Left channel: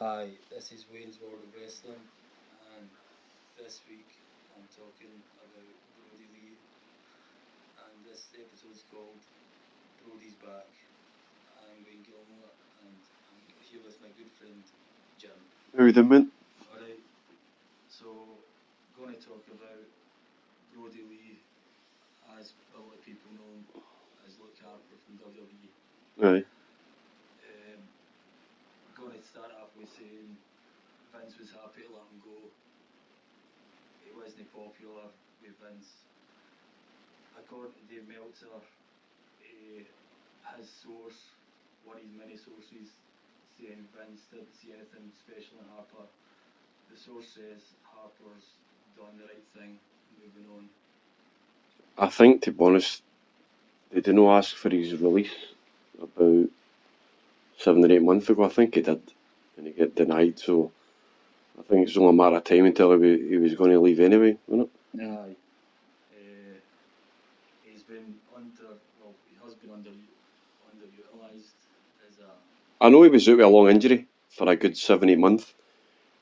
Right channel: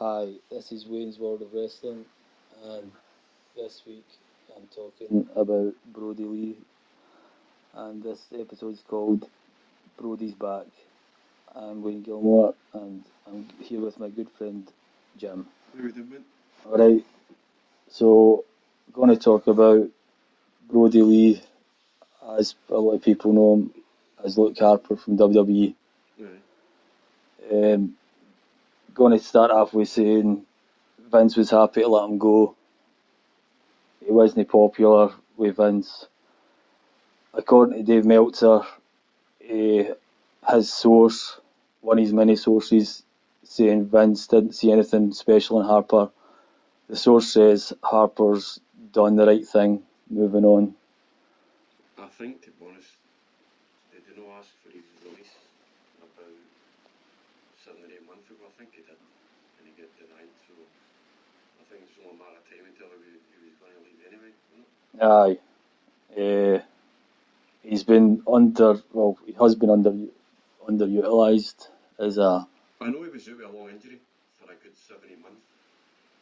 Hi, this is Wayne's World of Wrestling, and this week I'm talking about Brody Lee, and this episode's called Brody's Back. I'm Wayne Gilmore, and I'm here with my good friend Jim. How you doing, mate? Alright, so going to talk about Brody Lee, as a lot of people know him as Luke Harper from WWE. Aye. Going to start off with saying Vince was happy to let him go. He wasn't popular with Vince. According to Dave Meltzer, his source, one of his many sources, saying Vince didn't see anything special in Harper. The source says Harper's done the right thing, moving on. I think, to be honest, they didn't ask for his release about 7 or 8 months ago. I think he did, and he got denied. So I think it's only a matter of time until he was going to leave anyway, wasn't it? Aye. He has been underutilised as a... I know he was out with a long injury for a good 7, 8 months,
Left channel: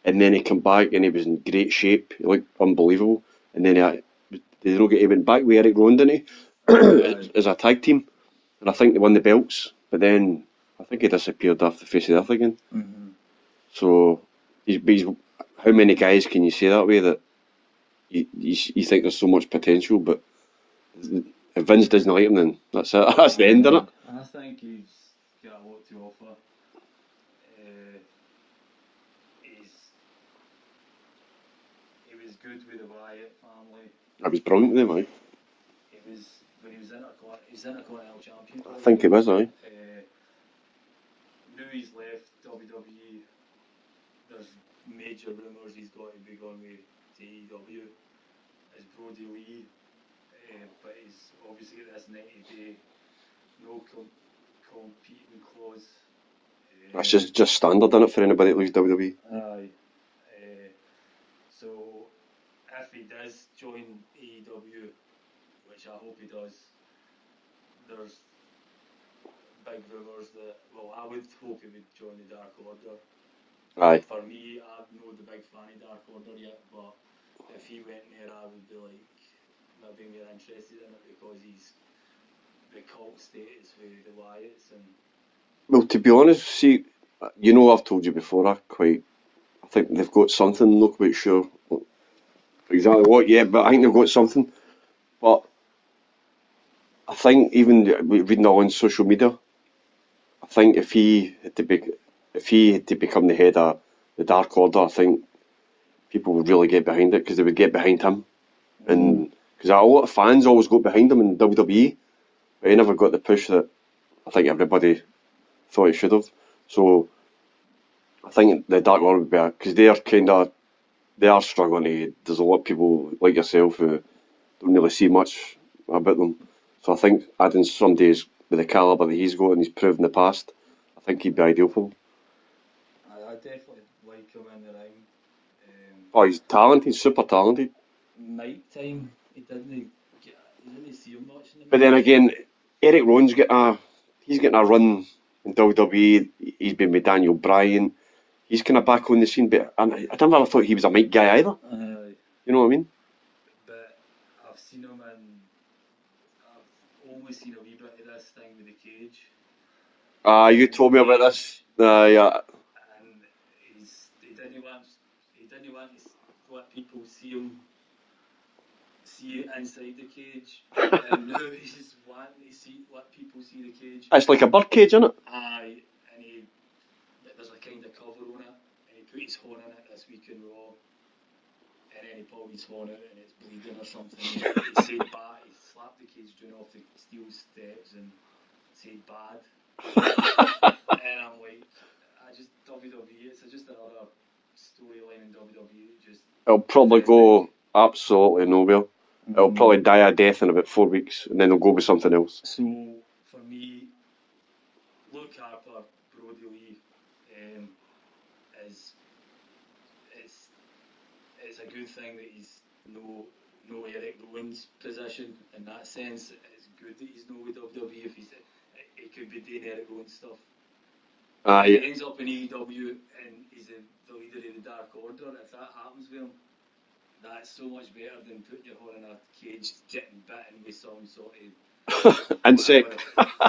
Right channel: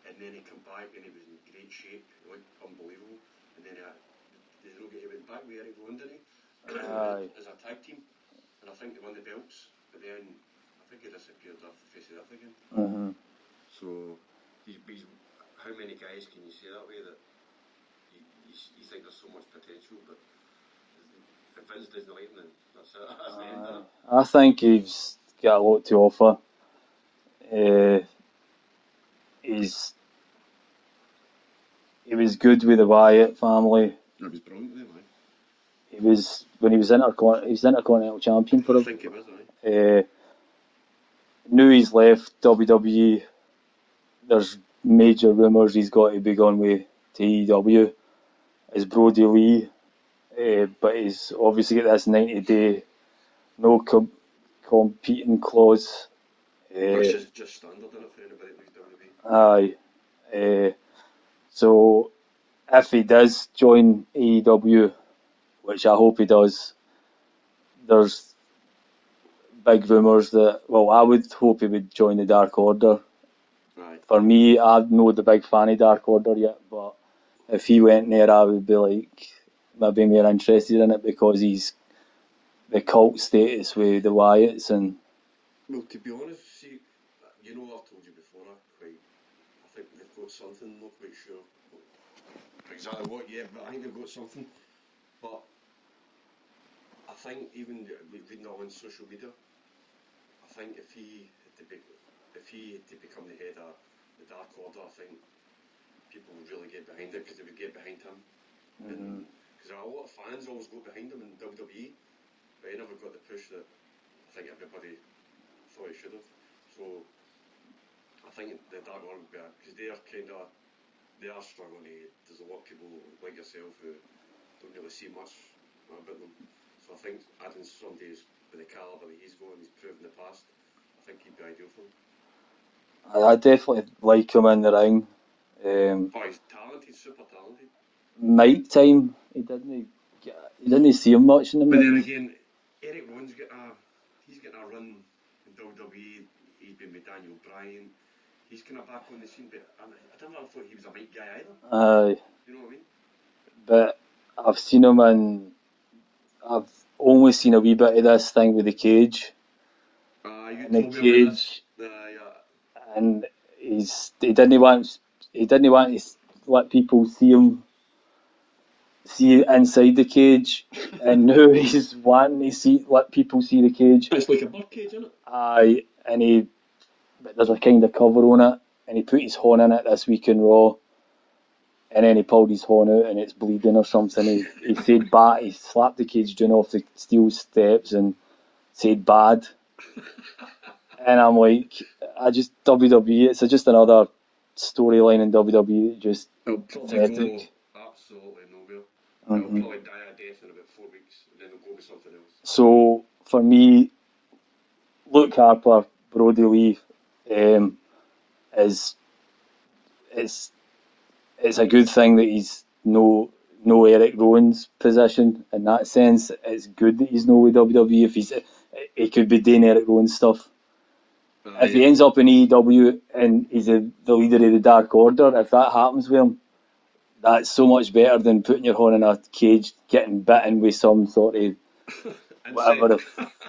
and then he came back and he was in great shape. He looked unbelievable. And then he went back with Eric Rowan, didn't he? As a tag team. And I think they won the belts, but then I think he disappeared off the face of the earth again. Mm-hmm. So he's how many guys can you say that way that you think there's so much potential, but if Vince doesn't like him, then that's it. That's the end of it. I think he's got a lot to offer. He was good with the Wyatt family. I was brilliant with him, aye. He was Intercontinental Champion for I think he was, aye. Knew he's left WWE. There's major rumours he's got to be gone with to AEW as Brody Lee, but he's obviously got this 90-day no competing clause. That's just standard, isn't it, for anybody that leaves WWE? Aye. So if he does join AEW, which I hope he does, there's big rumours that, well, I would hope he would join the Dark Order. Aye. For me, I'm not the big fan of Dark Order yet, but if he went there, I would be maybe more interested in it because he's the cult status with the Wyatts. And well, to be honest, see, I've told you before, I think they've got something. Not quite sure exactly what yet, but I think they've got something. But I think even reading on social media, I think if he had to become the head of the Dark Order, I think people would really get behind it because they would get behind him, and because a lot of fans always got behind him in WWE, but he never got the push that I think everybody thought he should have. So I think the Dark Order would be because they are struggling to. There's a lot of people like yourself who don't really see much about them. So I think adding somebody with the calibre that he's got and he's proved in the past, I think he'd be ideal for them. I definitely like him in the ring. He's talented, super talented. Mic time, he didn't see him much in the. But then again, Eric Rowan's getting a run in WWE. He's been with Daniel Bryan. He's kind of back on the scene, but I never thought he was a mic guy either. You know what I mean? But I've seen him I've only seen a wee bit of this thing with the cage. You told me about this. Yeah. And he didn't want to let people see inside the cage, and now he's wanting to let people see the cage. It's like a bird cage, isn't it? Aye, and there's a kind of cover on it, and he put his horn in it this week in Raw, and then he pulled his horn out and it's bleeding or something. He said bad. He slapped the cage down off the steel steps and said bad. And I'm like, WWE, it's just another storyline in WWE. It'll probably go absolutely nowhere. Mm-hmm. It'll probably die a death in about 4 weeks, and then they'll go with something else. So for me, Luke Harper, Brody Lee, is it's a good thing that he's no Eric Rowan's position in that sense. It's good that he's no with WWE. If he could be doing Eric Rowan stuff. Aye. If he ends up in AEW and he's the leader of the Dark Order, if that happens with him, that's so much better than putting your horn in a cage, getting bitten with some sort of whatever the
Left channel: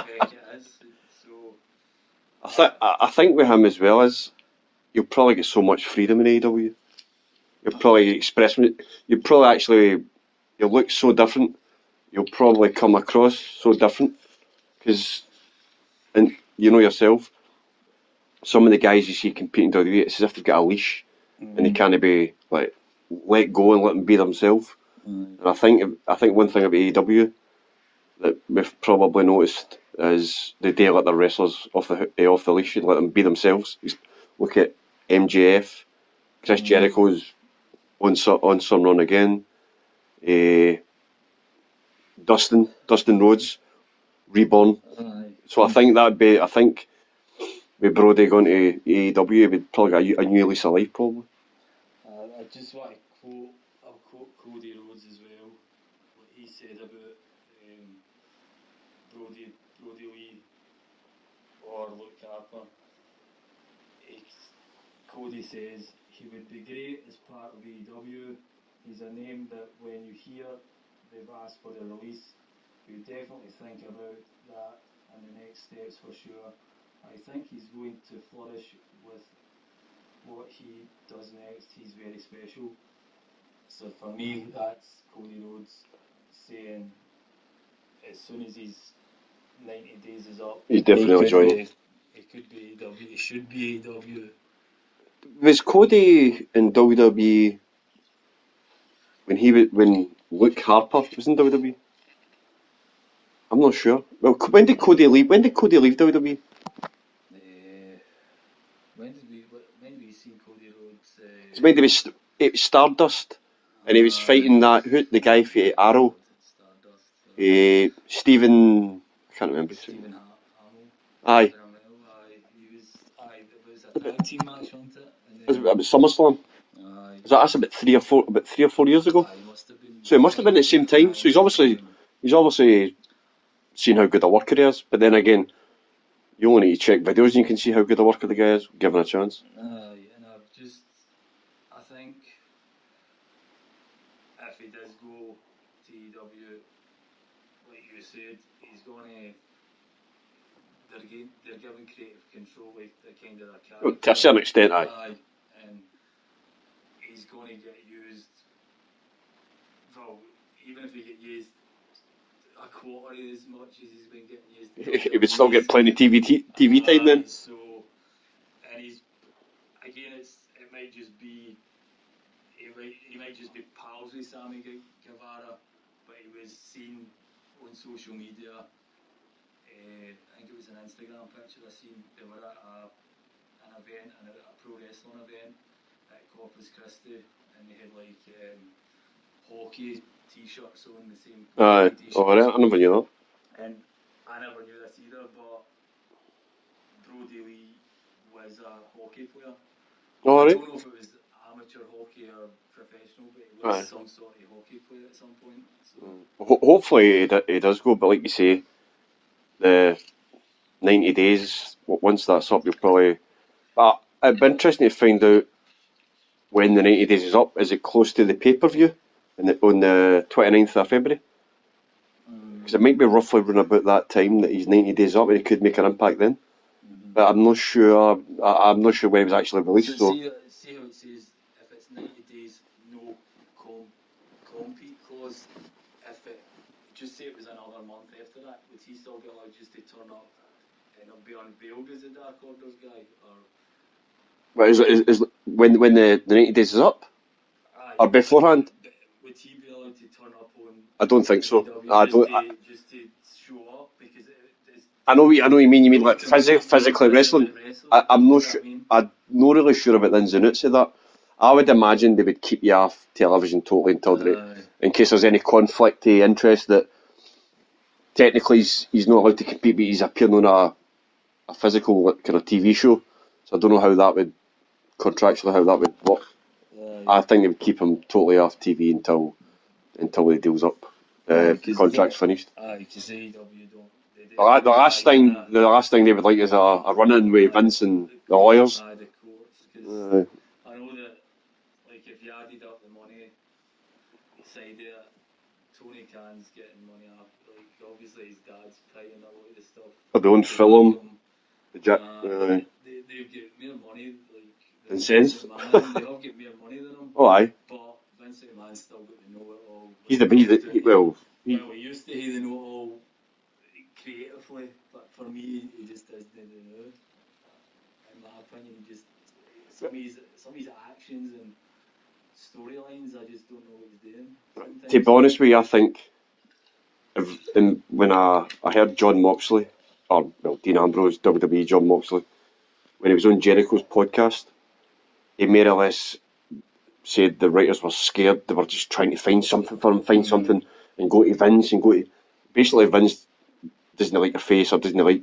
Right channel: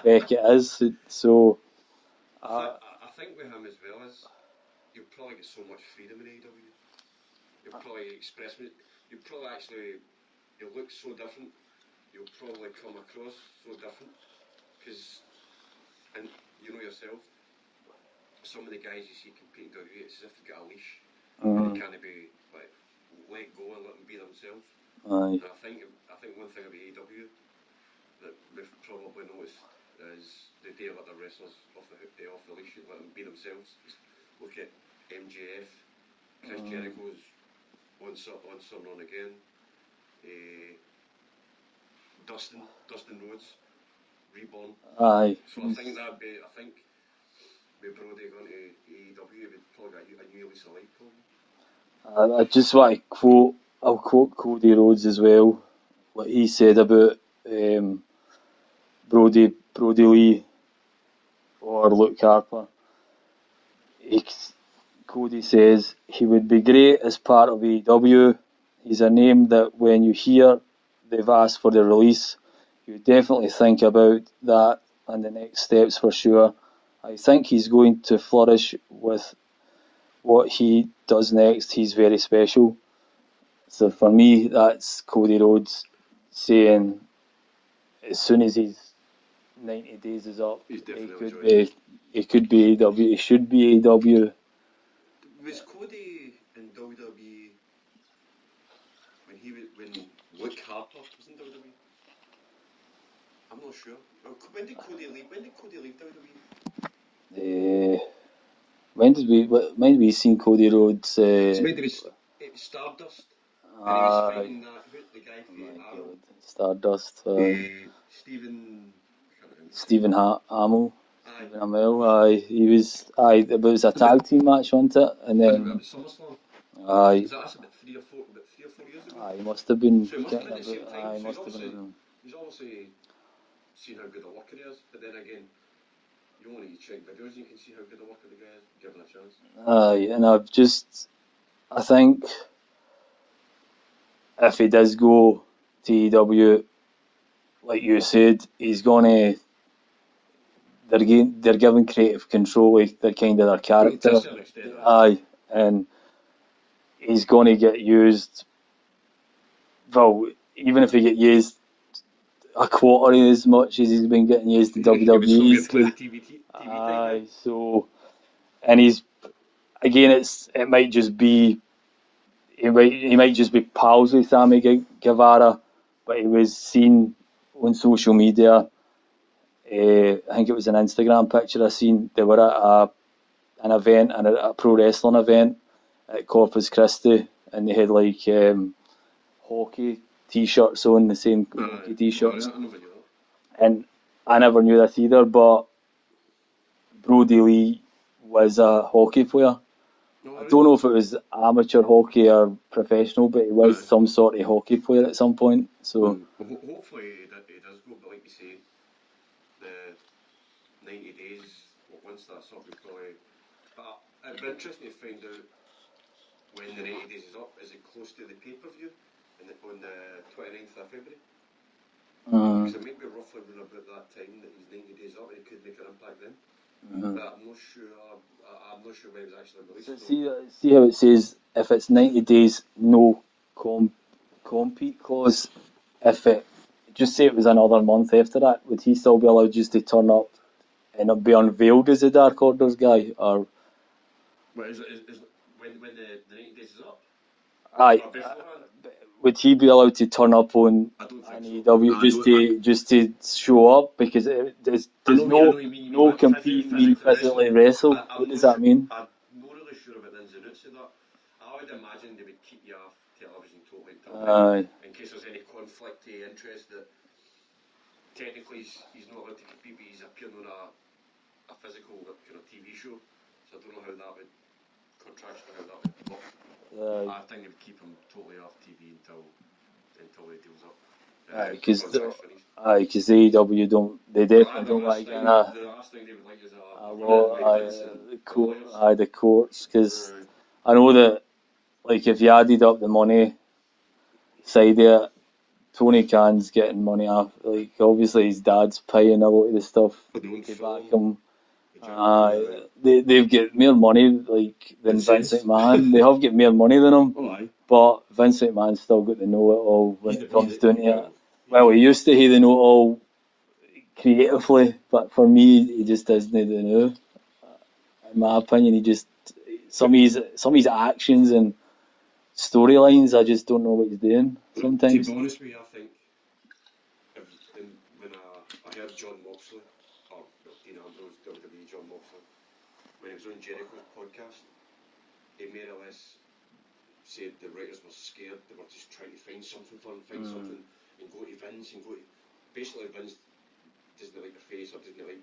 feck it is. So I think with him as well is you'll probably get so much freedom in AEW. You'll probably express. You'll probably actually you'll look so different. You'll probably come across so different because, and you know yourself, some of the guys you see competing in WWE, it's as if they've got a leash and they can't be like let go and let them be themselves. And I think one thing about AEW that we've probably noticed is they do let their wrestlers off the leash and let them be themselves. Look at MJF, Chris Jericho's on some run again. Dustin Rhodes, Reborn. aye. So I think with Brody going to AEW, we'd probably get a new lease of life probably. I just want to I'll quote Cody Rhodes as well, what he said about Brody Lee or Luke Harper. Cody says he would be great as part of AEW. He's a name that when you hear they've asked for the release, you definitely think about that and the next steps for sure. I think he's going to flourish with what he does next. He's very special. So for me, that's Cody Rhodes saying as soon as his 90 days is up, he's definitely joining. He could be AEW. He should be AEW. Was Cody in WWE when Luke Harper was in WWE? I'm not sure. Well, when did Cody leave? When did Cody leave WWE? When did we seen Cody Rhodes? It's meant to be it was Stardust, and he was fighting the guy for Arrow. Stardust. Stephen, I can't remember. Stephen Hamill. Aye. Aye. He was. Aye. It was a tag team match, wasn't it? And then it was SummerSlam. Aye. That's about 3 or 4 years ago. Aye, must have been. So it must have been at the same time. So he's obviously seen how good a worker he is. But then again, you only need to check videos and you can see how good a worker the guy is, given a chance. Aye, and I think if he does go to AEW, like you said, he's gonna. They're given creative control, like they're kind of their character. To a certain extent, aye. Aye, and he's going to get used. Well, even if he get used a quarter as much as he's been getting used in WWE, he would still get plenty of TV time then. So, and it might just be he might just be pals with Sammy Guevara, but he was seen on social media. I think it was an Instagram picture I seen. They were at an event, a pro wrestling event at Corpus Christi, and they had like hockey t-shirts on, the same t-shirts. I never knew that. And I never knew this either, but Brody Lee was a hockey player. Oh, right. I don't know if it was amateur hockey or professional, but he was some sort of hockey player at some point. So hopefully he does go, but like you say, the 90 days, once that's up, you'll probably... But it'd be interesting to find out when the 90 days is up. Is it close to the pay-per-view on the 29th of February? Because it might be roughly around about that time that he's 90 days up and he could make an impact then. But I'm not sure. I'm not sure when it was actually released. So see how it says if it's 90 days, no compete clause. If it just say it was another month after that, would he still be allowed just to turn up and be unveiled as the Dark Order's guy, or? But is when the 90 days is up, or beforehand? Would he be allowed to turn up on? I don't think so. Just to show up, because I know what you mean. You mean like physically wrestling? I'm not sure. I'm not really sure about the ins and outs of that. I would imagine they would keep you off television totally until in case there's any conflict of interest that technically he's not allowed to compete, but he's appearing on a physical kind of TV show. So I don't know how that would contractually work. I think they would keep him totally off TV until the deal's up. contract's finished. Aye, because AEW don't. They The definitely last thing they would like is a run-in with Vince and the lawyers. Aye, the courts, because I know that, like, if you added up the money side of it, Tony Khan's getting money off. Like, obviously his dad's paying a lot of the stuff. For their own film. They've got more money than Vince McMahon. They have got more money than him. Oh, aye. But Vince McMahon's still got to know it all. He used to. He know it all creatively, but for me, he just doesn't know. In my opinion, he just some of his actions and storylines, I just don't know what he's doing sometimes. To be honest with you, I think when I heard John Moxley, Dean Ambrose, WWE John Moxley, when he was on Jericho's podcast, he more or less said the writers were scared. They were just trying to find something for him, something, and go to Vince and go to... Basically, Vince doesn't like your face or doesn't like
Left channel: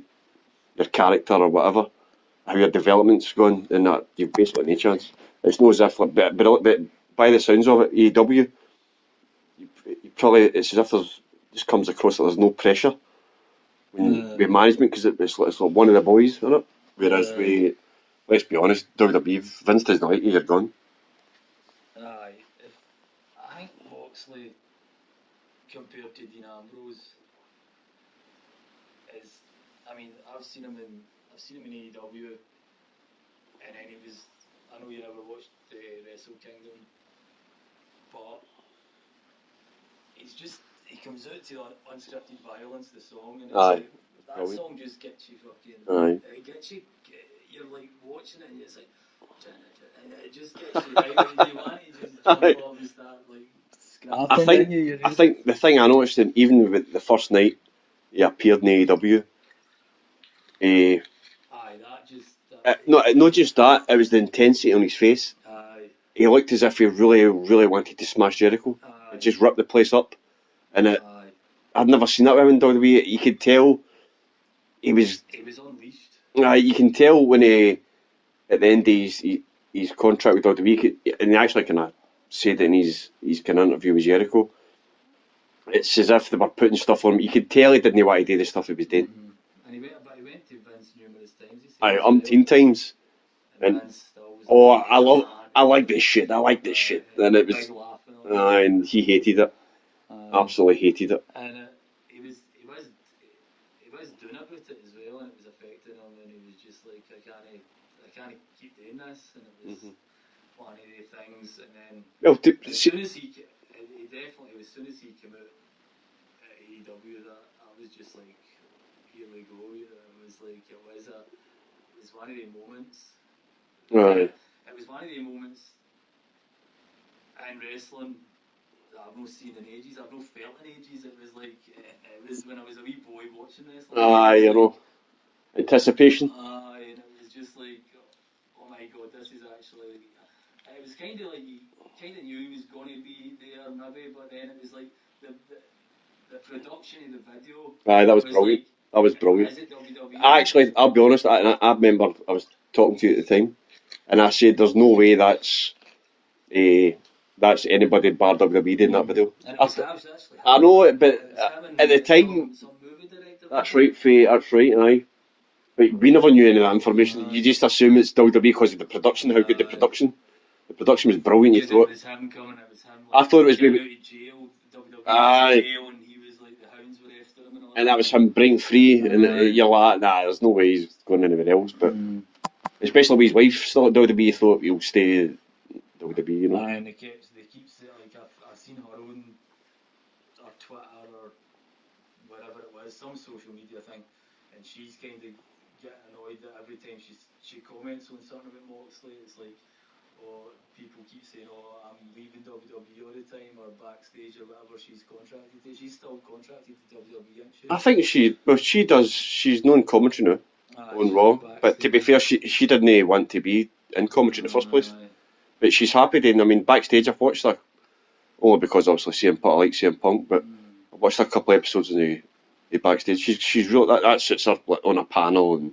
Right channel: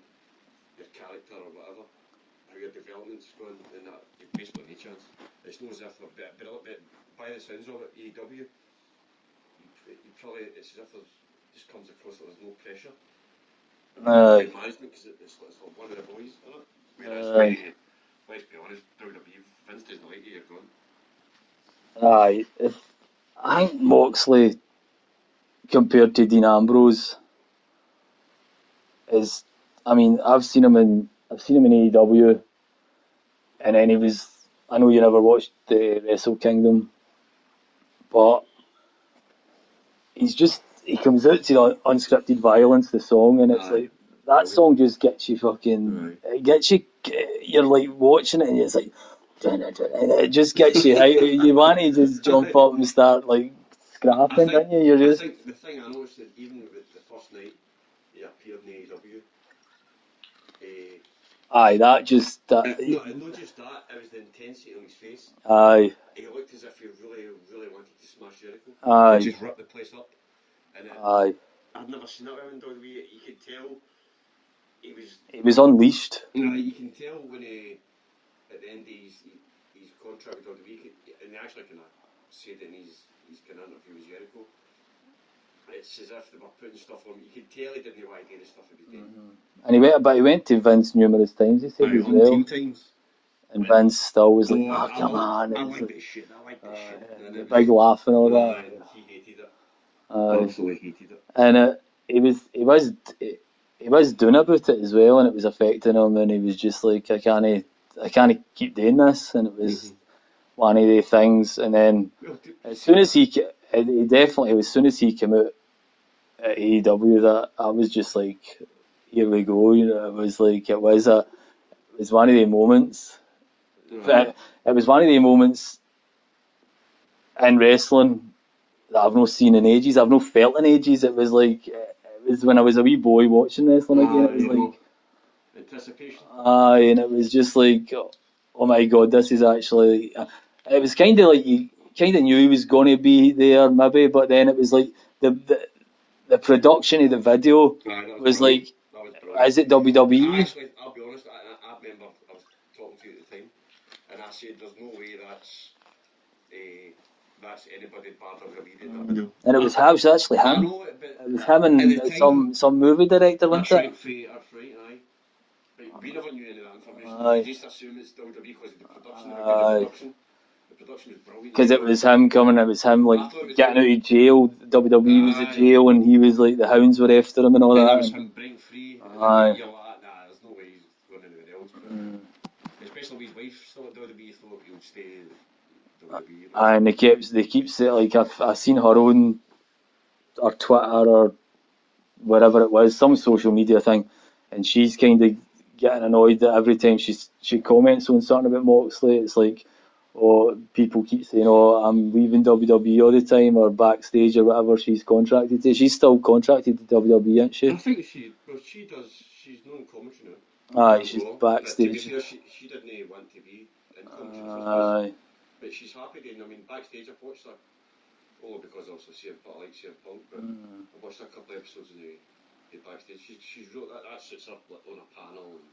your character or whatever, how your development's going, and that you've basically no chance. It's not as if, but by the sounds of it, AEW, it's as if just comes across that there's no pressure with management, because it's like one of the boys, isn't it? Whereas let's be honest, WWE, Vince doesn't like you, you're gone. Aye, I think Moxley compared to Dean Ambrose is, I mean, I've seen him in AEW, and then he was. I know you never watched the Wrestle Kingdom, but he comes out to the Unscripted Violence, the song, and it's like that song just gets you fucking. It gets you. You're like watching it, and it's like, and it just gets you. You want to just jump up and start like scrapping, don't you? I think the thing I noticed, even with the first night he appeared in AEW, not just that, it was the intensity on his face. Aye. He looked as if he really, really wanted to smash Jericho. Aye. And just rip the place up. And I'd never seen that with him in WWE. You could tell he was unleashed. You can tell when at the end of his contract with WWE, and he actually kind of said it in his kind of interview with Jericho, it's as if they were putting stuff on him. You could tell he didn't want to do the stuff he was doing. Mm-hmm. And he went to Vince numerous times. He said, umpteen times. And Vince still was like, I like this shit. shit. And it was big laugh and all that. And he hated it. Absolutely hated it. And he was doing about it as well, and it was affecting him. And he was just like, I can't keep doing this. And it was one of the things. And then as soon as he came out at AEW, that I was just like, here we go. You know, it was one of the moments. Right. It was one of the moments in wrestling that I've not seen in ages. I've not felt in ages. It was when I was a wee boy watching wrestling. Anticipation. And it was just like, oh my god, this is actually. It was kind of like you kind of knew he was going to be there, maybe, but then it was like the production of the video. That was brilliant. Like. That was brilliant. Is it WWE? Actually, I'll be honest, I remember I was talking to you at the time, and I said there's no way that's anybody bar WWE doing that video. And it was actually him. I know it, but it was him and at the time, some movie director. That's right, aye. But we never knew any of that information. You just assume it's WWE because of the production, how good the production. The production was brilliant. Because it was him coming, it was him like I thought it was getting out of jail. WWE was in jail, and he was like the hounds were after him and all that. And that was him breaking free, and you're like, there's no way he's going anywhere else. But especially with his wife still at WWE, thought he'll stay at WWE. You know. And they keep saying like I've seen her on or Twitter or wherever it was, some social media thing, and she's kind of getting annoyed that every time she comments on something about Moxley, it's like, people keep saying, I'm leaving WWE all the time, or backstage or whatever she's contracted to. She's still contracted to WWE, isn't she? I think she does. She's non commentary now. She's Raw. Backstage. But to be fair, she didn't want to be in commentary in the first place. But she's happy then. I mean, backstage I've watched her, only because obviously CM Punk, I like CM Punk, but I've watched her a couple of episodes in the backstage. She's real. That sits her on a panel and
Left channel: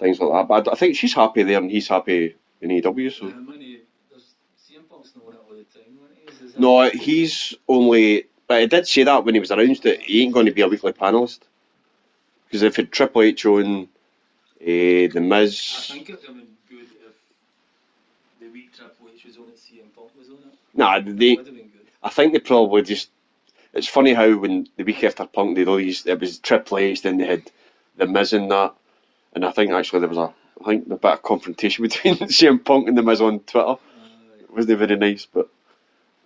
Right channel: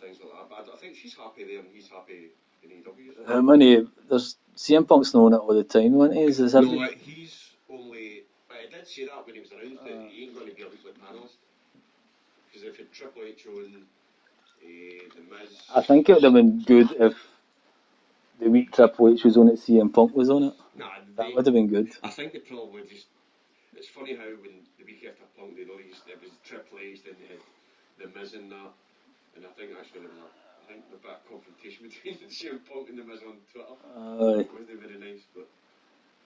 things like that. But I think she's happy there, and he's happy in AEW. So. There's CM Punk's known it all the time, isn't he? No, he's only. But he did say that when he was announced that he ain't going to be a weekly panellist. Because if had Triple H on, The Miz... I think it would have been good if the week Triple H was on it, CM Punk was on it. Nah, That would have been good. I think they probably just... It's funny how when the week after Punk they released, it was Triple H, then they had The Miz in that. And I think actually there was a bit of confrontation between CM Punk and The Miz on Twitter. It wasn't very nice, but...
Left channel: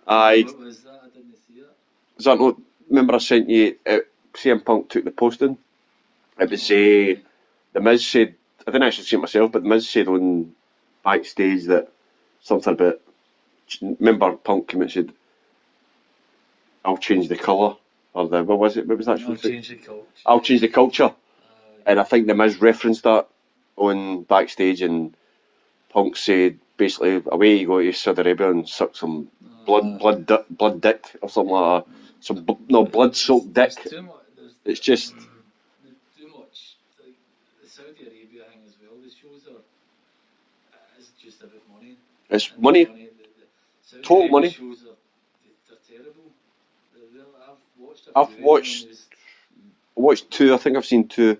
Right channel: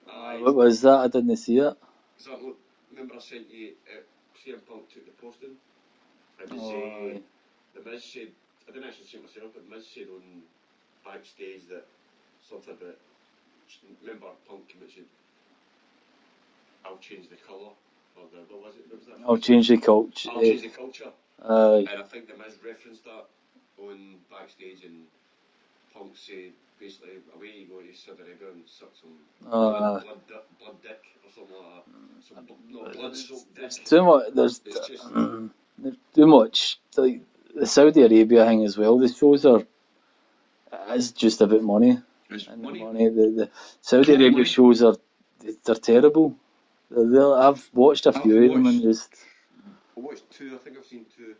What was that? I didn't see it. Is that not... Remember I sent you... CM Punk took the posting. It was... The Miz said... I didn't actually see it myself, but The Miz said on backstage that something about... Remember Punk came and said, I'll change the colour. Or the... What was it? What was that? I'll change the culture. I'll change the culture. And I think The Miz referenced that on backstage, and Punk said, basically, away you go to Saudi Arabia and suck some blood dick or something like that. Some blood-soaked dick. Too much. There's too much. Like the Saudi Arabia thing as well. The shows are. It's just about money. It's money. The Saudi Arabia shows they're terrible. I've watched a few of them and just. I watched 2. I think I've seen 2.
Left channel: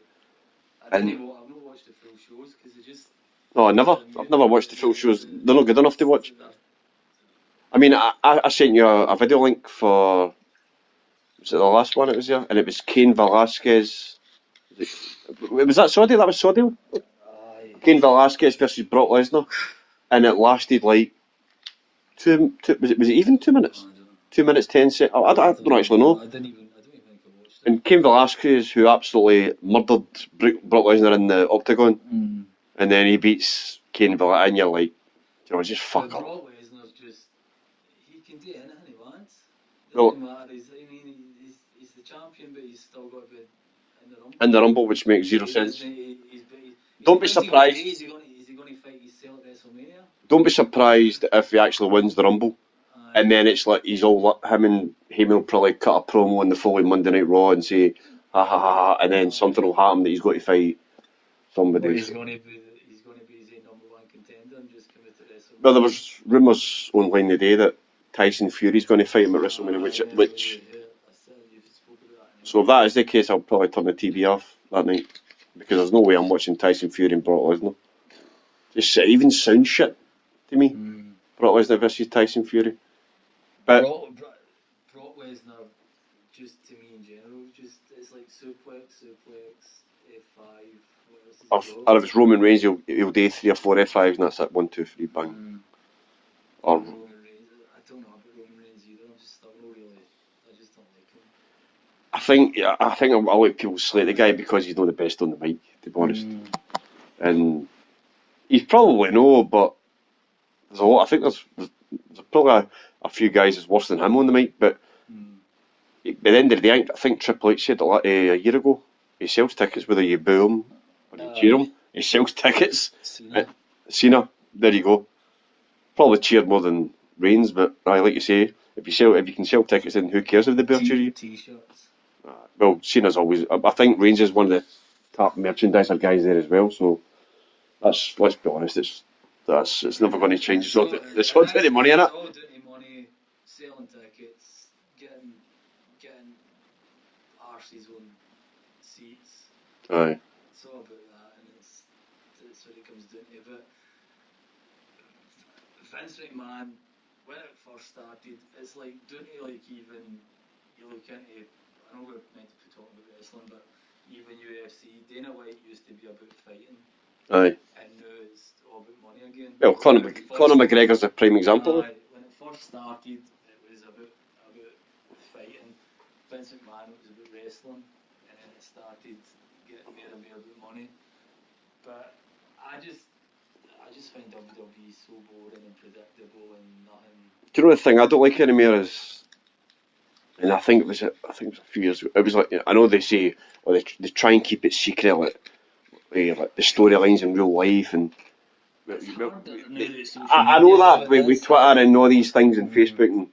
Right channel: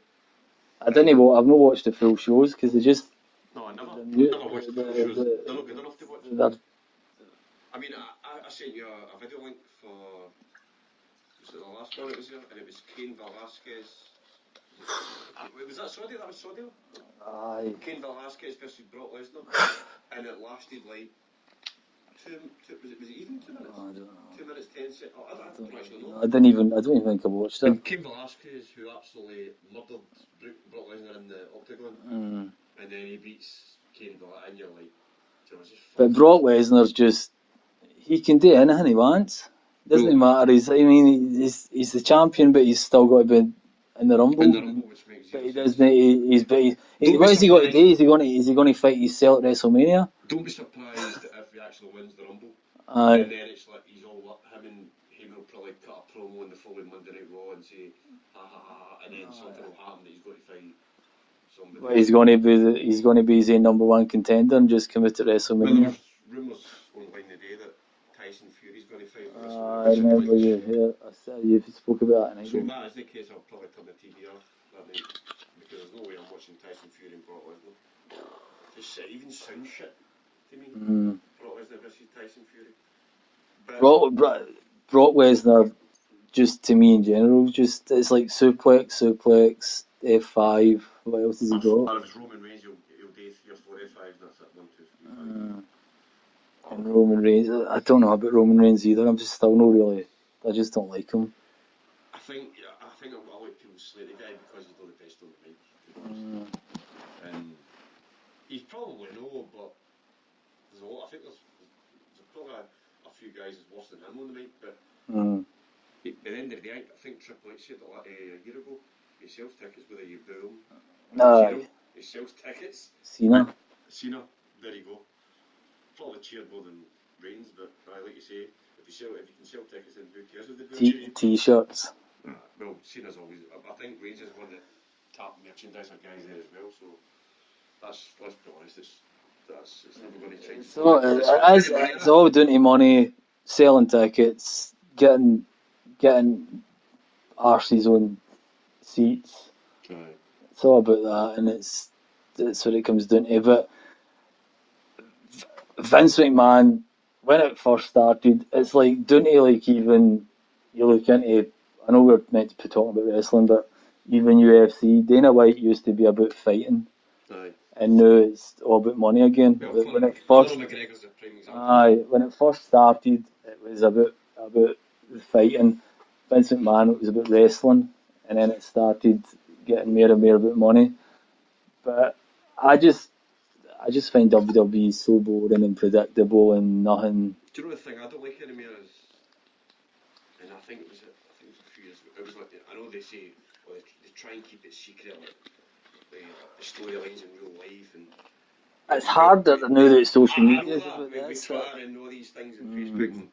I've not watched the full shows because they just. No, never. I've never watched the full shows. They're not good enough to watch. I mean, I sent you a video link for. Was it the last one it was there? And it was Cain Velasquez. Was that Saudi? That was Saudi? Aye. Cain Velasquez versus Brock Lesnar. And it lasted like. Was it even 2 minutes? 2 minutes 10 seconds. I don't actually know. I don't even think I watched it. And Cain Velasquez, who absolutely murdered Brock Lesnar in the octagon, and then he beats Cain Velasquez, and you're like, just fuck. But Brock Lesnar's he can do anything he wants. Doesn't matter. He's the champion, but he's still got to be in the Rumble. In the Rumble, which makes zero sense. Don't be surprised. Is he going to fight his cell at WrestleMania? Don't be surprised if he actually wins the Rumble. And then it's like him and Heyman will probably cut a promo on the following Monday Night Raw and say ha ha ha, and then something will happen that he's got to fight somebody. He's going to be his number one contender and just come out at WrestleMania. No, there was rumours online today that Tyson Fury's going to fight him at WrestleMania, you spoke about that. So if that is the case, I'll probably turn the TV off that night because there's no way I'm watching Tyson Fury and Brock Lesnar. Just even sound shit to me. Brock Lesnar versus Tyson Fury. But Brock Lesnar, just to me in general, it's like suplex, F5. What else has he got? Or if it's Roman Reigns, he'll do 3 or 4 F5s, and that's it. 1, 2, 3, bang. Or Roman Reigns. I don't know about Roman Reigns either. I'm just still not really. I just don't like him. I think a lot of people slate the guy because he's not the best on the mic, to be honest. And he's probably no, but there's a lot. I think there's probably a few guys that's worse than him on the mic. But by the end of the day, I think Triple H said a year ago, he sells tickets whether you boo him or cheer him. He sells tickets. Cena. There you go. Probably cheered more than Reigns, but like you say, if you can sell tickets, then who cares if they boo or cheer you? T-shirts. Well, Cena's always. I think Reigns is one of the top merchandiser guys there as well. So let's be honest, it's never going to change. It's all down to money, innit? It's all down to money, selling tickets, getting arses on seats. Aye. It's all about that, and that's what it comes down to. But Vince McMahon, when it first started, it's like down to like even you look into. I know we're meant to be talking about wrestling, but even UFC, Dana White used to be about fighting. Aye. And now it's all about money again. Well, Conor McGregor's a prime example. Aye, when it first started, it was about fighting. Vince McMahon, it was about wrestling, and then it started getting more and more about money. But I just find WWE so boring and predictable and nothing. Do you know the thing I don't like anymore is, and I think it was a few years ago. It was like, I know they say, they try and keep it secret, like the storylines in real life, and it's harder now that it's social media. I know that with Twitter and all these things and Facebook,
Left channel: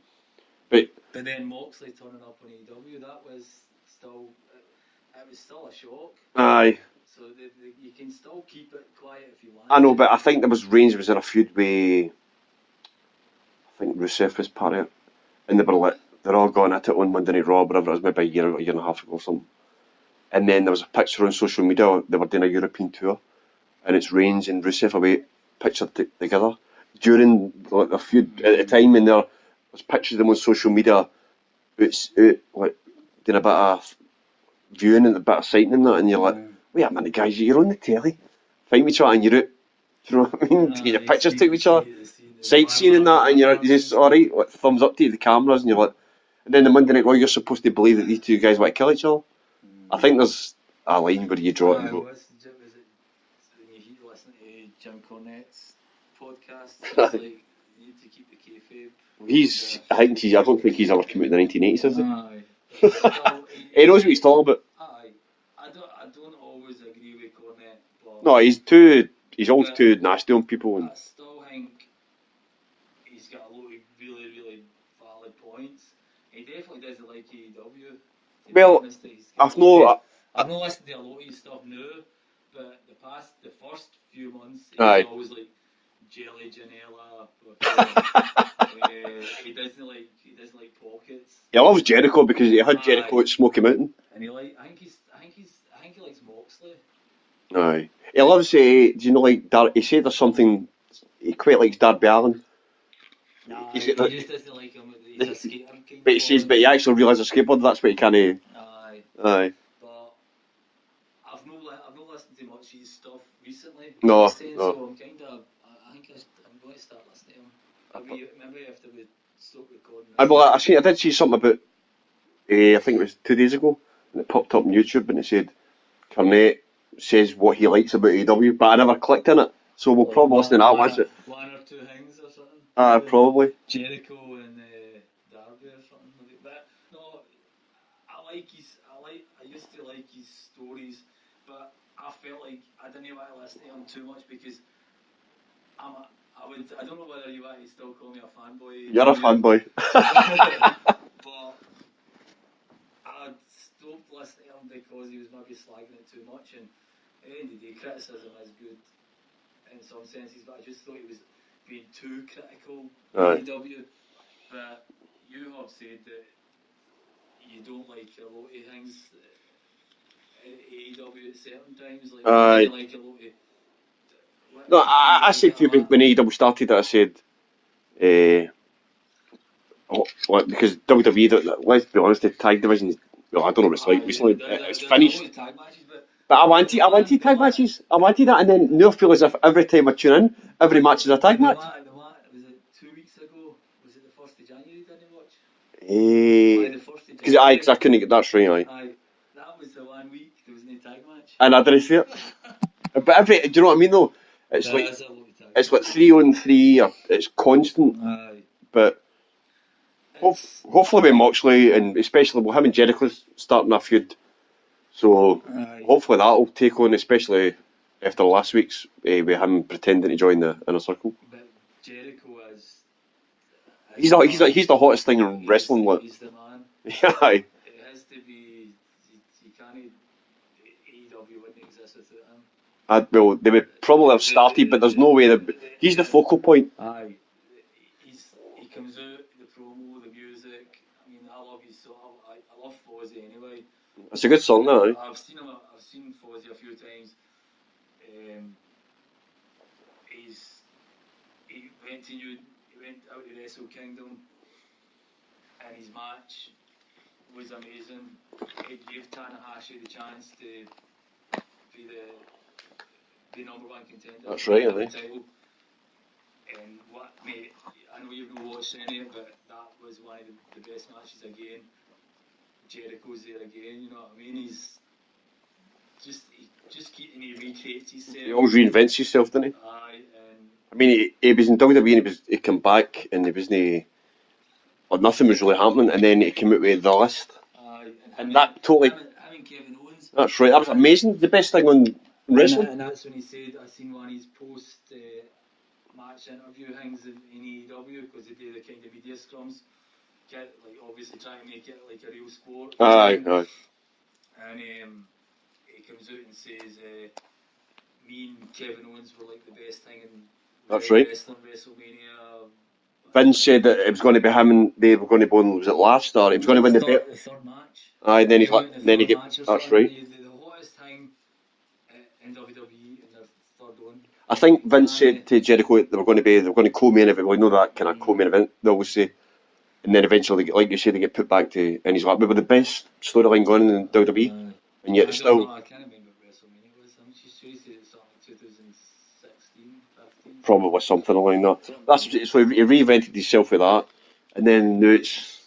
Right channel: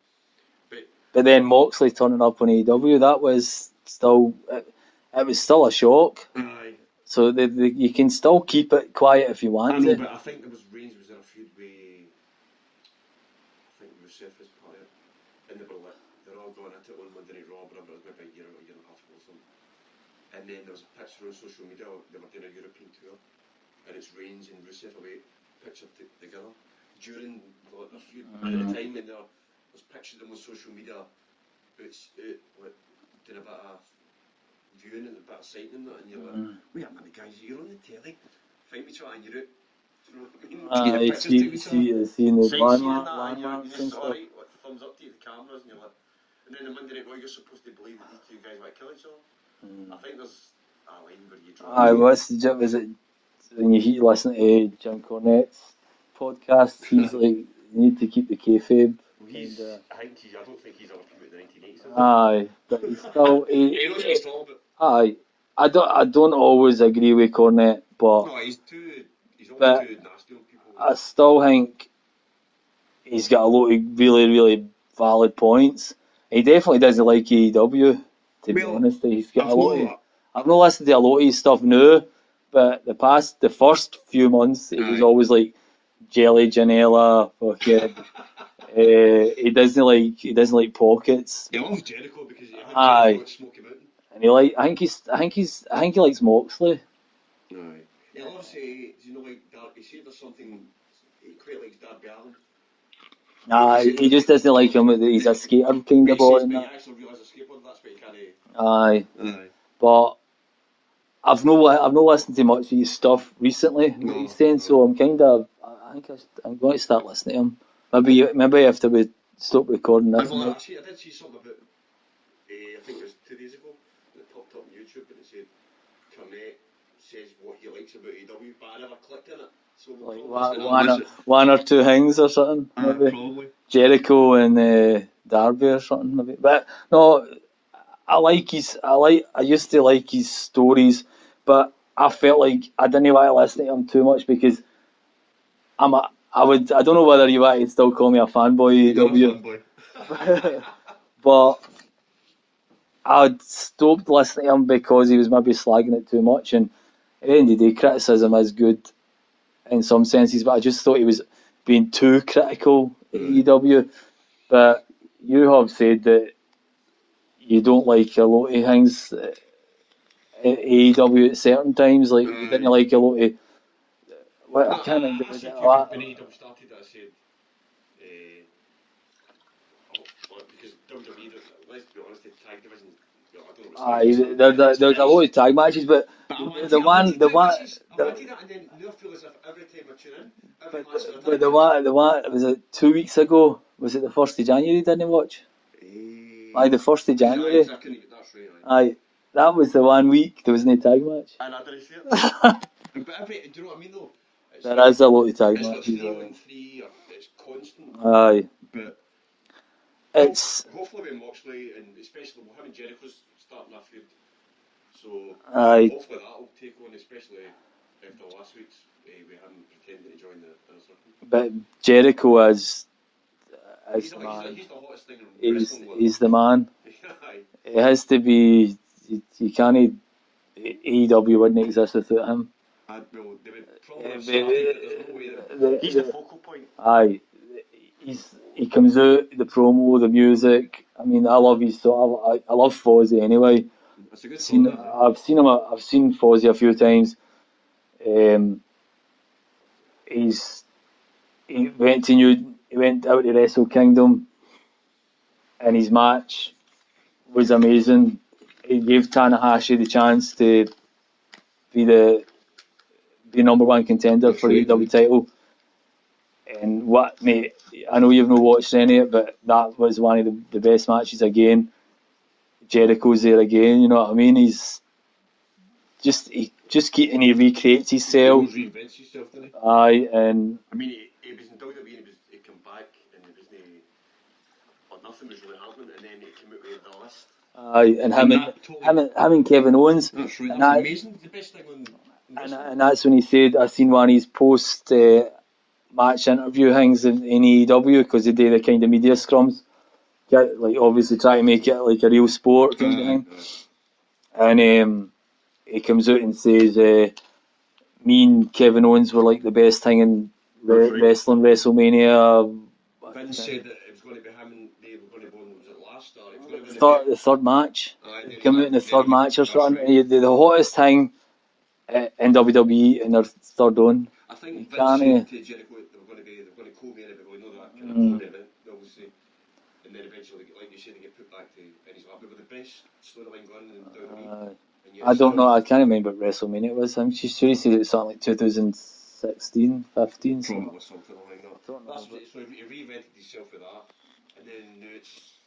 but then Moxley turning up on AEW, that was still it was still a shock. Aye. So you can still keep it quiet if you want. I know, but I think there was Reigns was in a feud with, I think Rusev was part of it, and they were like, they're all going at it on Monday Night Raw, whatever it was, maybe a year and a half ago or something. And then there was a picture on social media, they were doing a European tour, and it's Reigns and Rusev away pictured together. During like, a few at the time, and there's pictures of them on social media, it's like doing a bit of viewing and a bit of sighting and that, and you're like, wait a minute, guys, you're on the telly, fighting each other, and you're out. Do you know what I mean? To get your pictures took with each other, sightseeing and that, and you're just alright, like, thumbs up to the cameras, and you're like, and then the Monday Night Raw, you're supposed to believe that these two guys want to kill each other. I think there's a line where you draw it. Was it when you listen to Jim Cornette's podcast? He's like, you need to keep the kayfabe. I don't think he's ever come out in the 1980s, is it? Aye, but still, he knows what he's talking about. Aye, I don't always agree with Cornette, but no, he's always too nasty on people. I still think he's got a lot of really, really valid points. He definitely doesn't like AEW. To be honest, he's got I've not listened to a lot of his stuff now, but the first few months, it was always like Jelly Janela. He doesn't like pockets. He loves Jericho because he had Jericho at Smoky Mountain, and I think he likes Moxley. Aye, he loves. Do you know like he said there's something he quite likes Darby Allin. He just doesn't like him. He's a skater kind of boy. But he actually realises a skateboard. That's what he can't. Aye. But I've not listened to much of his stuff recently. No. So I'm I'm going to start listening to him. Maybe after we stop recording this. I did see something about. I think it was 2 days ago, and it popped up on YouTube, and it said Cornette says what he likes about AEW, but I never clicked in it. So we'll probably listen to that one or two things or something. Probably. Jericho and Darby or something. Maybe. But no, I used to like his stories, but I felt like I didn't want to listen to him too much because I don't know whether you want to still call me a fanboy. You're a fanboy. But I'd stopped listening to him because he was maybe slagging it too much, and at the end of the day, criticism is good in some senses, but I just thought he was being too critical at AEW. But you have said that you don't like a lot of things at AEW at certain times, like you didn't like a lot of. I said to you when AEW started that I said, because WWE, let's be honest, the tag division. Well, I don't know what it's like recently. There's a lot of tag matches, but I wanted tag matches. I wanted that, and then now I feel as if every time I tune in, every match is a tag match. Was it 2 weeks ago? Was it the 1st of January? Didn't watch? The 1st of January. Because I couldn't get that straight. That was the 1 week there was no tag match. And I didn't see it. But do you know what I mean though? It's there is a lot of tag. It's like 3-on-3. Or it's constant. But. Hopefully with Moxley, and especially with him and Jericho starting a feud, so hopefully that'll take on, especially after last week's with him pretending to join the Inner Circle. But Jericho is he's the hottest thing in wrestling. He's the man. It has to be. You can't. AEW wouldn't exist without him. Well, they would probably have started, but there's no way he's the focal point. He comes out, the promo, the music. I mean, I love his song. I love Fozzy anyway. It's a good song, though. I've seen Fozzy a few times. He went out to Wrestle Kingdom, and his match was amazing. He gave Tanahashi the chance to be the number one contender for the AEW title. And mate, I know you've not watched any of it, but that was one of the best matches again. Jericho's there again, you know what I mean? He recreates himself. He always reinvents himself, doesn't he? And I mean, he was in WWE and he came back and nothing was really happening, and then he came out with the list. And him and Kevin Owens. That's right. That's amazing. The best thing on wrestling. And that's when he said, I seen one of his post match interview things in AEW because they do the kind of media scrums. Like obviously try to make it like a real sport. And he comes out and says, me and Kevin Owens were like the best thing in wrestling, WrestleMania. Vince said that it was going to be him and they were going to win. Was it last or he was going to win the third match? Aye, then he came out in the third match or something. Right. The hottest thing in WWE in their third own. I think Vince said to Jericho they were going to co-main event. Well, you know that kind of co-main event they always say, and then eventually, like you say, they get put back to. And he's like, "We were the best storyline going in WWE." And yet I don't know. I can't remember what WrestleMania it was. I'm sure he said it was something like 2016, 15. Probably something along that. That's so he reinvented himself with that, and then now he's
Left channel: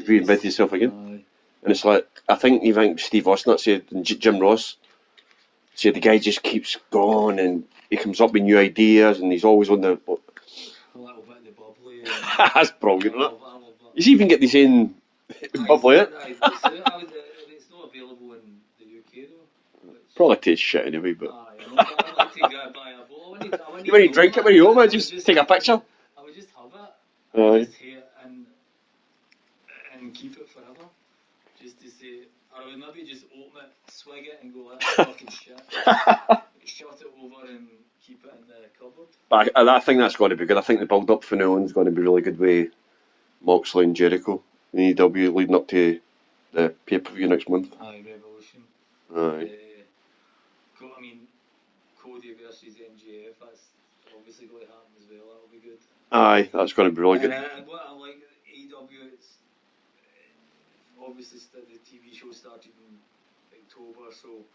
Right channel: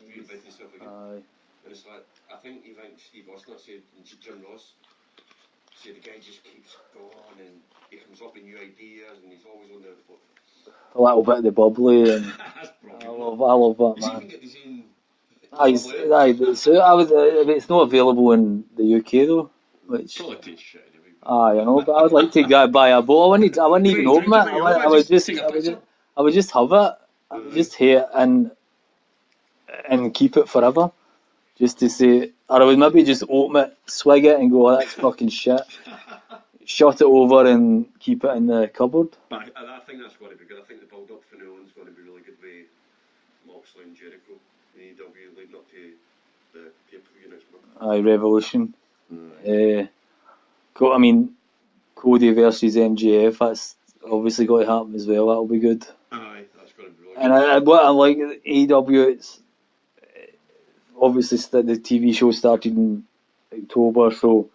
reinvented himself again. And it's like I think even Steve Austin said, and Jim Ross said the guy just keeps going and he comes up with new ideas and he's always on the. A little bit of the bubbly. And that's brilliant. I love that. He's even get the same. If it's not available in the UK though, which probably tastes shit anyway. But I know, but I would like to go buy a bottle. I wouldn't even drink it when you home. Just take a picture. I would just have it. I would just hate it and keep it forever, just to say. Or I would maybe just open it, swig it, and go, oh, that's fucking shit. Shut it over and keep it in the cupboard. But I think that's going to be good. I think the build up for now on is going to be really good with Moxley and Jericho. AEW leading up to the pay-per-view next month. Aye, Revolution. Aye. I mean, Cody versus MJF, that's obviously got to happen as well. That'll be good. Aye, that's going to be really good. And what I like, AEW, it's obviously the TV show started in October, so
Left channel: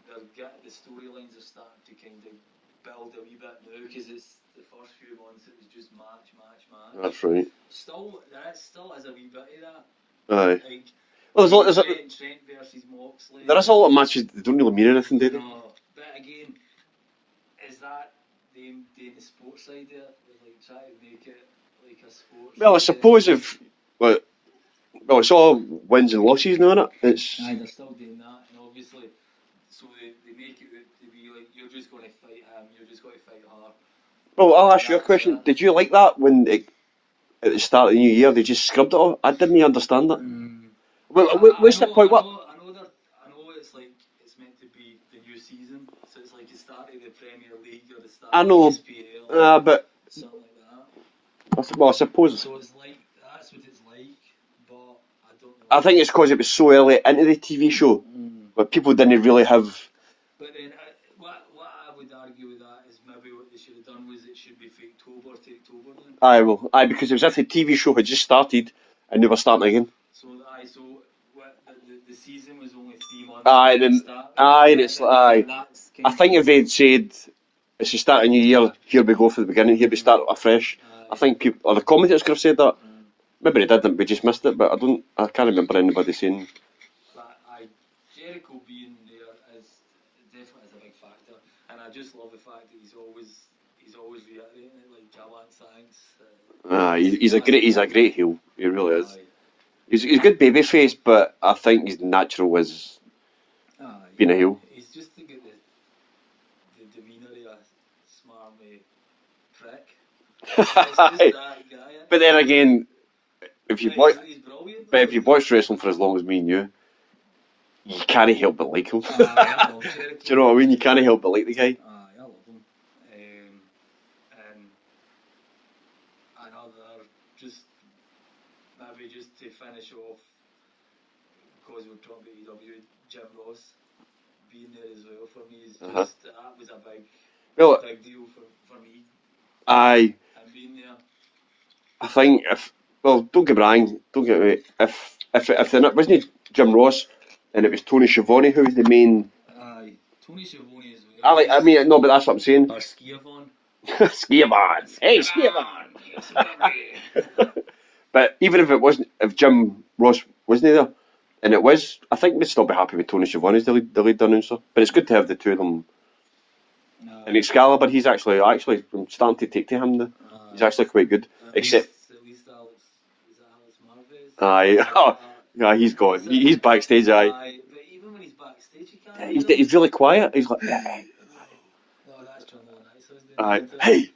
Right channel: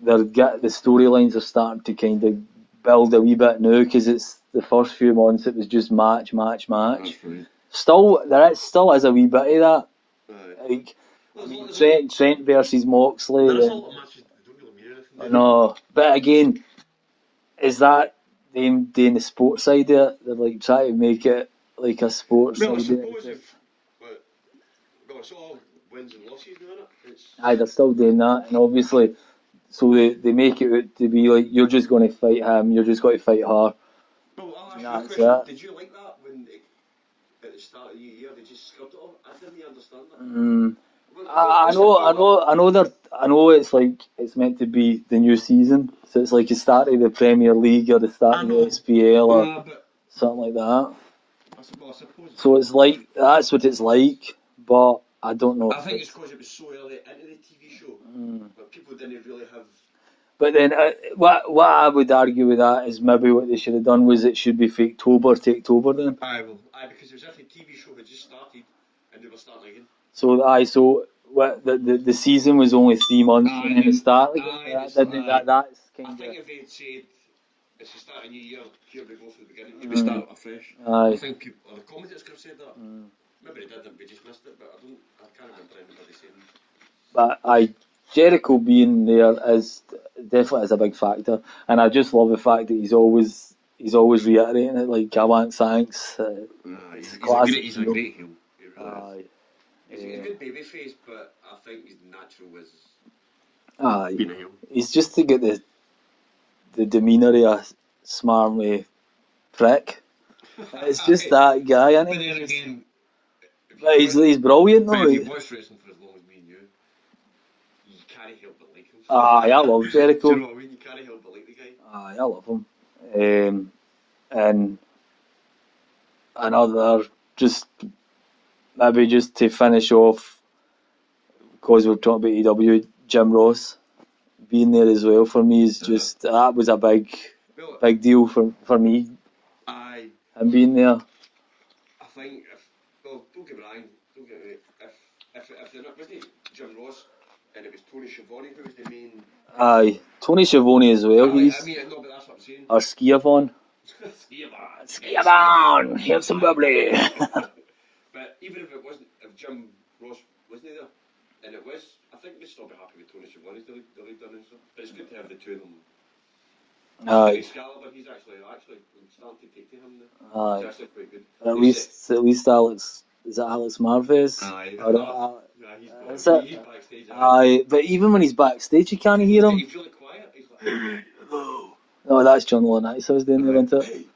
the storylines are starting to kind of build a wee bit now, because it's the first few months it was just match. That's right. There still is a wee bit of that. Aye. Like, well, Trent versus Moxley. There is a lot of matches that don't really mean anything, do they? No, but again, is that them doing the sports side of it? They're like trying to make it like a sports. Well, I suppose if it's all wins and losses now, isn't it? Aye, they're still doing that, and obviously, so they make it out to be like you're just going to fight him, you're just going to fight her. Well, I'll ask you a question. That. Did you like that when at the start of the new year they just scrubbed it all? I didn't understand that. Well, I know it's like it's meant to be the new season, so it's like the start of the Premier League or the start of the SPL or but something like that. Well, I suppose so. It's like that's what it's like, but I don't know. I think it's because it was so early into the TV show, but people didn't really have. But then, what I would argue with that is maybe what they should have done was it should be Faketober to October then. Because it was if the TV show had just started and they were starting again. So what the season was only 3 months. And then start. That's I think if they'd said it's the start of a new year, here we go for the beginning, here we start afresh. I think people or the commentators could have said that. Maybe they didn't, we just missed it. But I can't remember anybody saying. But Jericho being there is definitely a big factor, and I just love the fact that he's always reiterating it. Like, I want thanks. He's a great heel. He really is. He's a good babyface, but I think his natural is being a heel. He's just to get the demeanour of a smarmy prick. It's just that guy, isn't he? But then again, he's brilliant. But if you've watched wrestling for as long as me and you can't help but like him. I love Jericho. Do you know what I mean? You can't help but like the guy. I love him. And another, just to finish off, because we're talking about EW, Jim Ross being there as well for me is just that was a big deal for me. Aye. And being there. I think don't get me wrong, if there wasn't Jim Ross and it was Tony Schiavone who was the main. Aye, Tony Schiavone as well. I mean, no, but that's what I'm saying. Or Schiavone. Schiavone. Hey, Schiavone, here's some bubbly. But even if Jim Ross wasn't there, and it was, I think we'd still be happy with Tony Schiavone as the lead announcer. But it's good to have the two of them. And Excalibur, he's actually I'm starting to take to him now. He's actually quite good. At least Alex. Is it Alex Marvez? Aye. He's gone. He's backstage. Aye. But even when he's backstage, you can't hear him. He's really quiet. He's like, hello. No, that's John Laurinaitis I was doing that. Hey.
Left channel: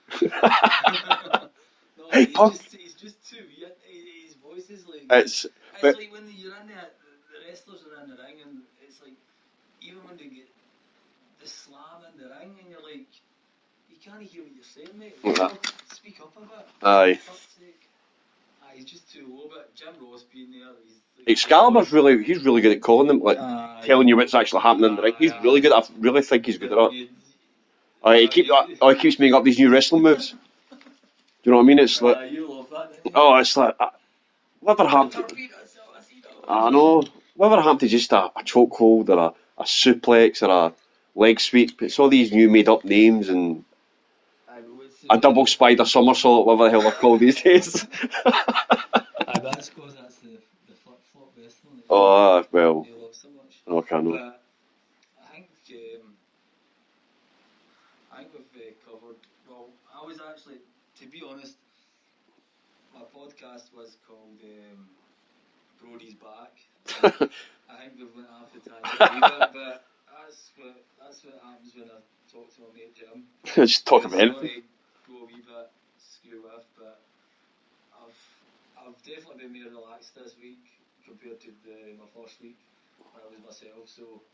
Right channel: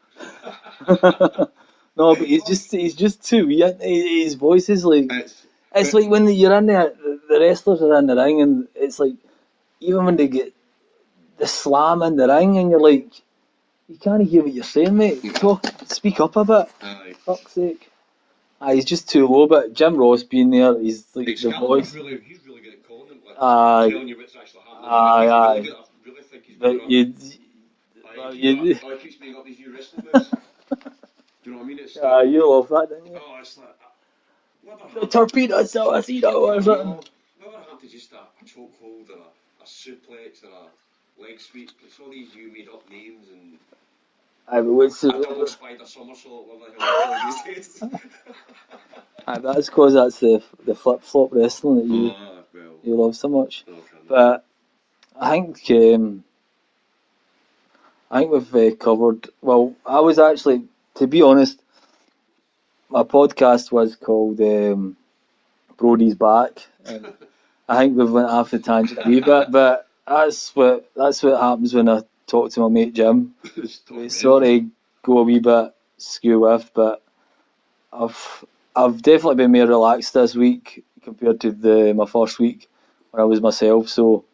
No, but he's just too weird. His voice is like it's like when you're in there, the wrestlers are in the ring, and it's like even when they get the slam in the ring, and you're like, You can't hear what you're saying, mate. Speak up a bit. Aye. Fuck's sake. He's just too low, but Jim Ross being there, he's like... Excalibur's he's really good at calling them, like telling you what's actually happening. He's really good. I really think he's good at that. He keeps making up these new wrestling moves. Do you know what I mean? It's like... you love that, don't you? Oh, it's like... Whatever happened... Torpedo, I know. Whatever happened to just a chokehold or a suplex or a leg sweep? It's all these new made-up names and... a double spider somersault, whatever the hell they're called these days. That's because that's the flip-flop wrestling that you love so much. Okay, but I think we've covered... Well, I was actually, to be honest, my podcast was called Brodies Back. I think we've went off the tangent a wee bit, but that's what happens when I talk to my mate Jim. Just talk about him. Sort of go a wee bit skew with, but I've definitely been more relaxed this week compared to my first week when I was myself. So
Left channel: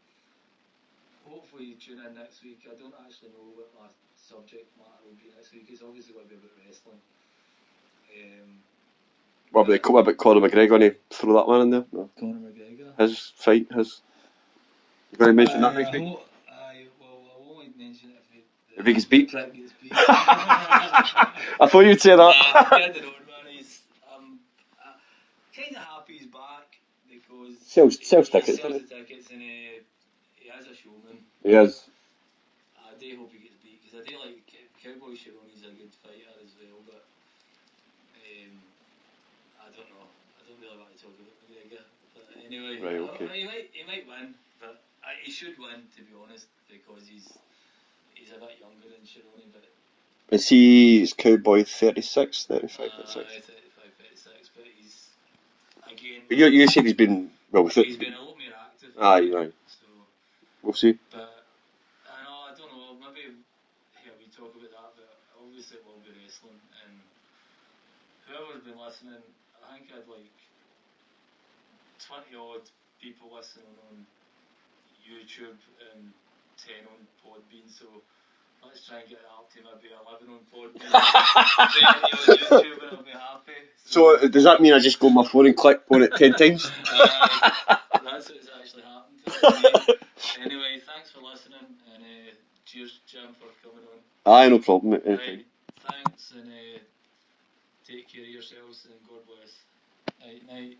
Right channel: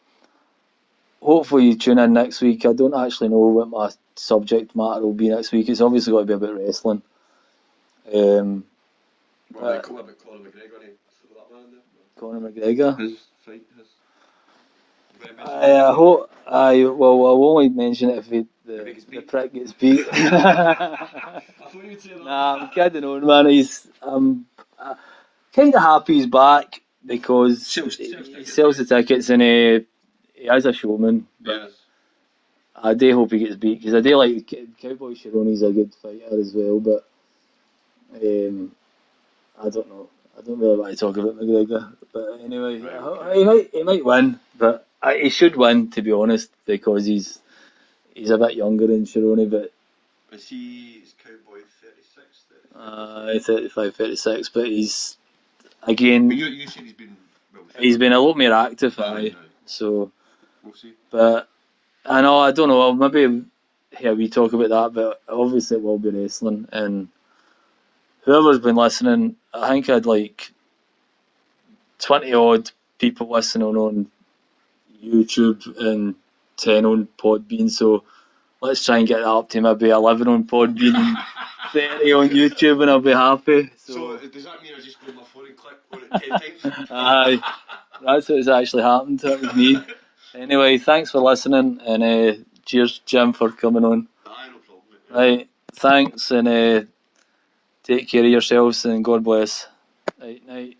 hopefully you tune in next week. I don't actually know what my subject matter will be next week. It's obviously got to be about wrestling. What about Conor McGregor? Going to throw that one in there? No. Conor McGregor. His fight. You're going to mention that? I'll only mention it if he gets beat. The prick gets beat. I thought you'd say that. I don't know, man. He's kind of happy he's back because sells the tickets, and he is a showman. He is. I do hope he gets beat because I do like Cowboy Cerrone's a good fighter as well, but I don't know. I don't really want to talk about McGregor, but anyway, he might win, but he should win, to be honest, because he's a bit younger than Cerrone. But is Cowboy 36, 35? 35, 36, but he's again. But you said he's been he's been a lot more active. Aye. So we'll see. But I don't know. Maybe we talk about that, but obviously it will be wrestling, and whoever's been listening, I think I'd like 20 odd people listening on YouTube and 10 on Podbean, so let's try and get that up to maybe 11 on Podbean and 30 on YouTube, and I'll be happy. So does that mean I just go on my phone and click on it 10 times? Aye, that's what's actually happened to me. Anyway, thanks for listening, and cheers, Jim, for coming on. Aye, no problem. Right, thanks, and take care of yourselves, and God bless. Night.